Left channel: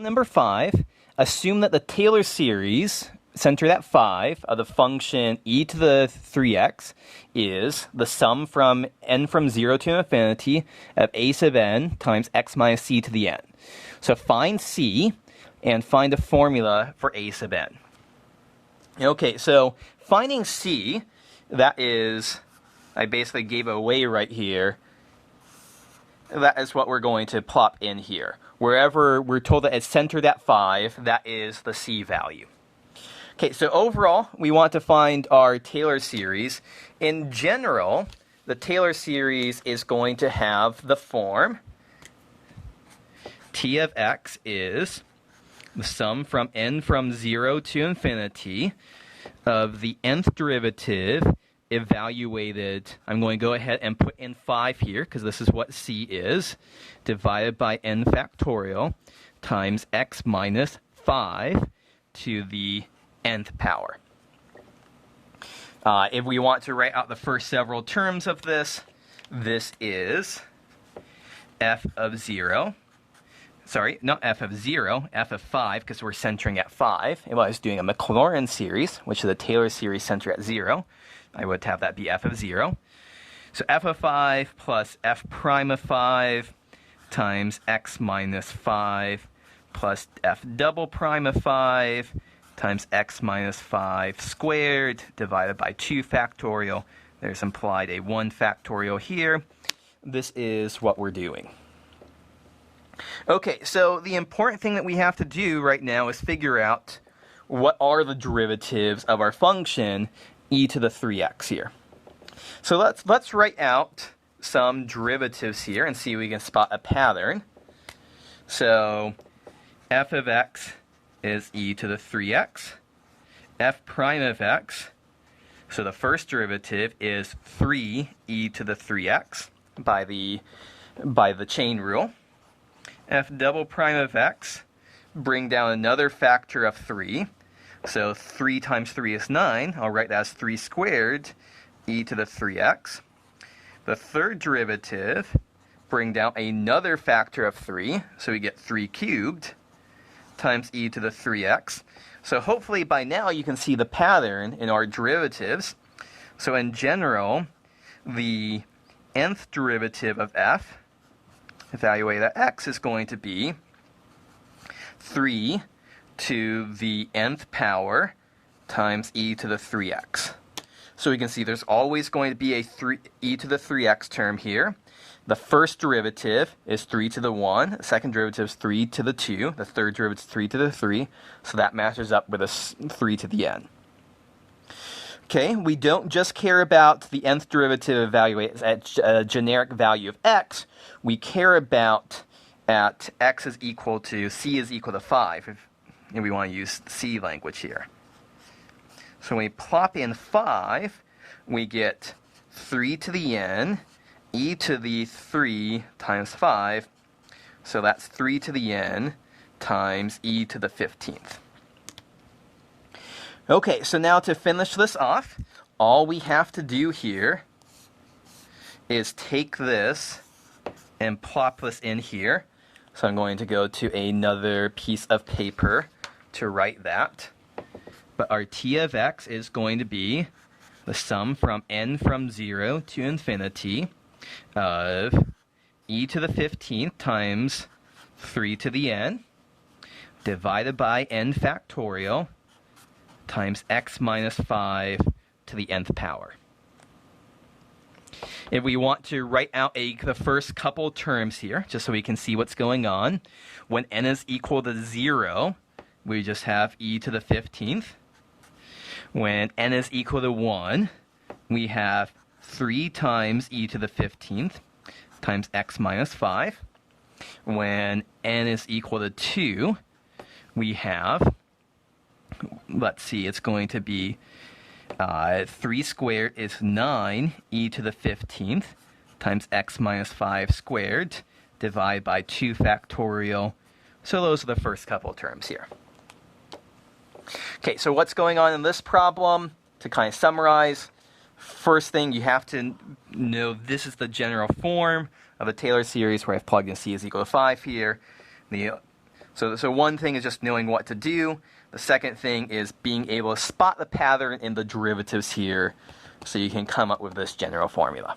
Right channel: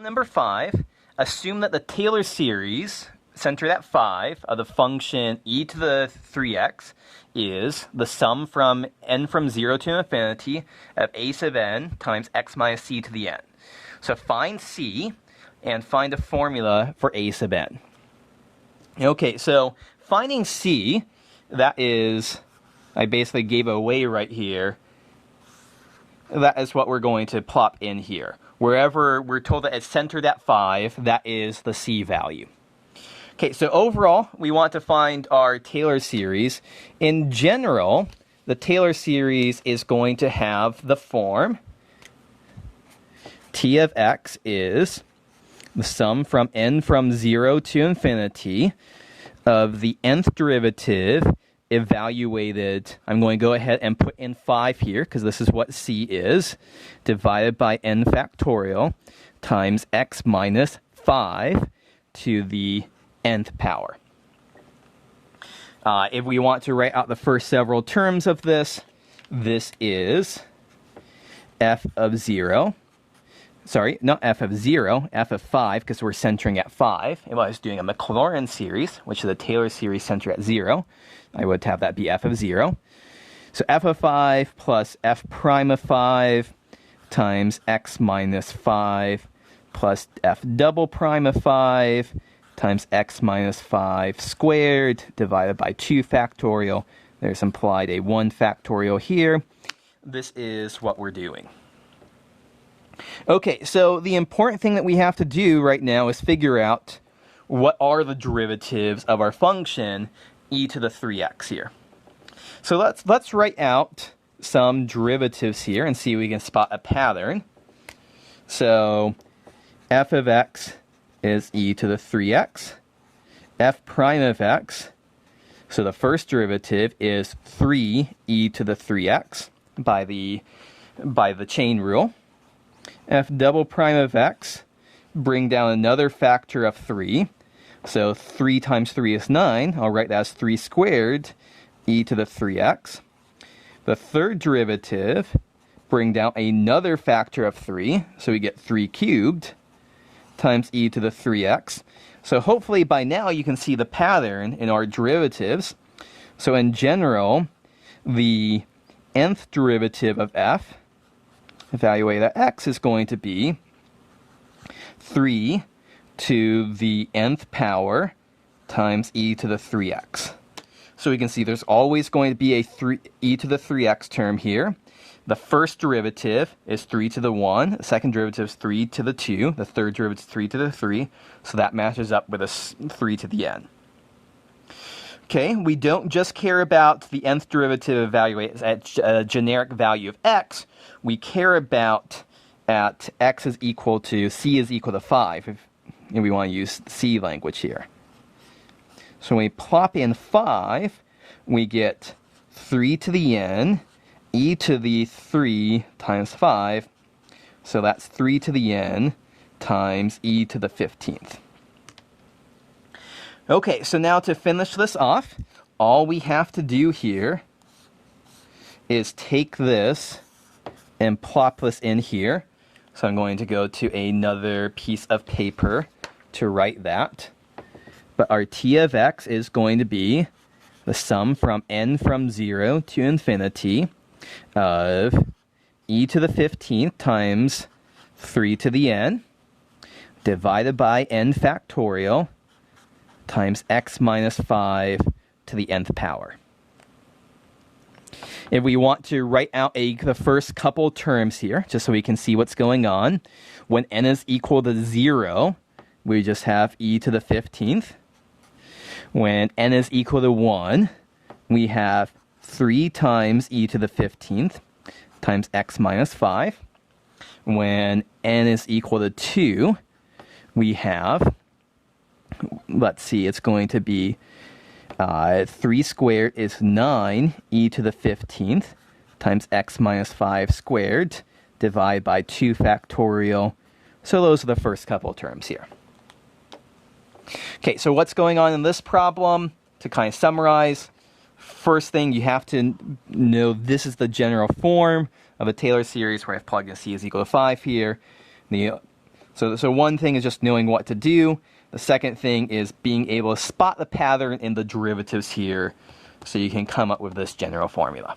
Number 5, assume that the Taylor series, centered at 5, of the function e to the 3x is the sum from n from 0 to infinity of a sub n times x minus c to the n. So find c and find a formula for a sub n. Okay, so finding c, that is, I basically gave it away right here. That is what we're going to plop in here. Wherever we're told that it's centered at 5, that is the c value. Okay, so overall, we want to find our Taylor series. In general, the Taylor series is going to have the form t of x is the sum from n from 0 to infinity of the nth derivative evaluated. I'm going to go ahead and put in 5 here because this is what c is, divided by n factorial times x minus 5 to the nth power. If we want to write out the first several terms of this, this is f of 0. Sorry, not f of 0, f of 5, because we're centering at 5. If I was doing a Maclaurin series, which is a Taylor series centered at 0, I would have that be f of 0. So f of 5 plus f prime of 5 times x minus 5 plus f double prime of 5 times x minus 5 squared divided by 2 factorial. There's implied a 1 factorial here. This is what we're doing. Okay, so the important thing that we have to do right now is figure out what are the derivatives of our function e to the 3x here. So let's write out some derivatives here and see if we can spot a pattern. So f of x is e to the 3x. F prime of x, so the first derivative is 3e to the 3x by the chain rule. F double prime of x, bring down another factor of 3. So 3 times 3 is 9. I'll write that as 3 squared e to the 3x. The third derivative, bring down another factor of 3. So we get 3 cubed times e to the 3x. So hopefully by now you can see the pattern in our derivatives. So in general, the nth derivative of f, evaluated at x, is going to be 3 to the nth power times e to the 3x. So we can see there's always going to be a e to the 3x term here. The first derivative is 3 to the 1. The second derivative is 3 to the 2. The third derivative is 3 to the 3. So that matches up with a 3 to the n. Okay, we don't just care about the nth derivative evaluated at a generic value of x. We care about at x is equal to, c is equal to 5. And we want to use c language here. So when we plop in 5, we get 3 to the n, e to the 3 times 5. So that's 3 to the n times e to the 15th. Okay, so now to finish this off, all we have to do here is take this and plop this in here. So I'm going to go to another piece of paper to write that. But our t of x is going to be the sum from n from 0 to infinity of e to the 15th times 3 to the n divided by n factorial times x minus 5 to the nth power. If we want to write out the first couple terms here, just so we can see what's going on, when n is equal to 0, we just have e to the 15th. When n is equal to 1, we have 3 times e to the 15th times x minus 5. When n is equal to 2, we have, let's see, it's going to be 3 squared is 9 e to the 15th times x minus 5 squared divided by 2 factorial. So those are the first couple terms here. Okay, so what's going on in this problem? To kind of summarize, first thing you have to know, this is the general form of a Taylor series where I've plugged in c is equal to 5 here. So one thing is just knowing what to do. The second thing is being able to spot the pattern in the derivatives here so you can come up with this general formula.